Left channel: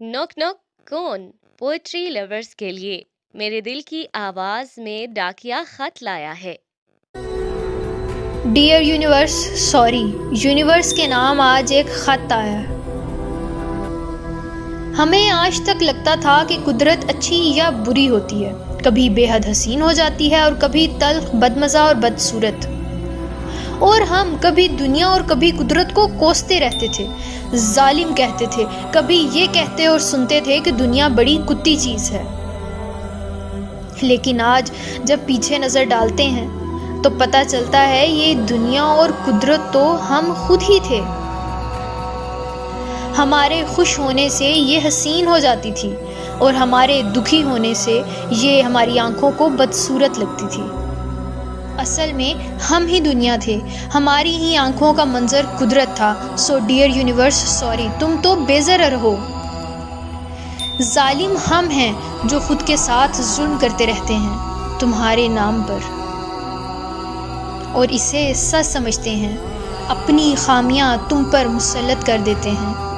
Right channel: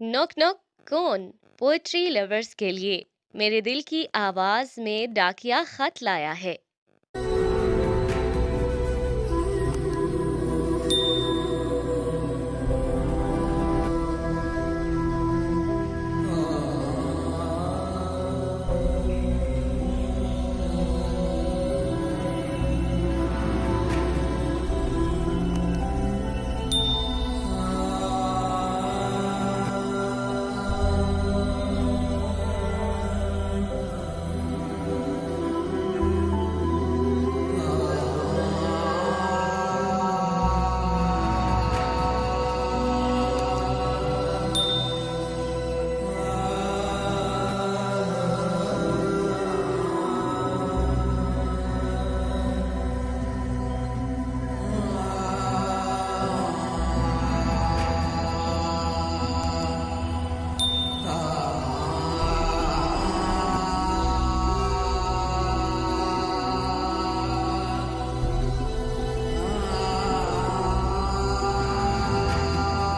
Knock knock कौन? Poetry lovers के लिए मेरे दिल की आवाज में डाकिया खत लाया है। डियर यूनिवर्स, सॉरी, यूनिवर्स के नाम आज एक खत आया है। हमें आज तक लगता था कि कुदरत अच्छी या बुरी होती है, कभी बेहद हसीन हो जाती है और कभी तल्ख, बदमज़ा और बदसूरत। और हम कभी दुनिया और कभी कुदरत को कोसते रहते थे, जालिम कहते थे, कभी ये कहते और सुनते थे कि दुनिया बड़ी कुत्ती चीज़ है। लेकिन आज जब पीछे नज़र डालते हैं तो पता चलता है ये दुनिया और कुदरत तो हम खुद ही थे। हमारे खुश होने से ये हसीन हो जाती थी और हमारे दुखी होने से ये हमारी आंखों को बदसूरत लगती थी। असल में हम ही दुनिया थे, हमारी ही आंखों का मंजर कुदरत था। सो डियर यूनिवर्स, सॉरी, तुम तो बेज़रर हो। जालिम हम हैं जो खुद के साथ जुल्म करते रहते हैं तुम्हारे नाम पर, और इसे सच समझते हैं, अपनी खामियां तुम पर मुसल्लत कर देते हैं।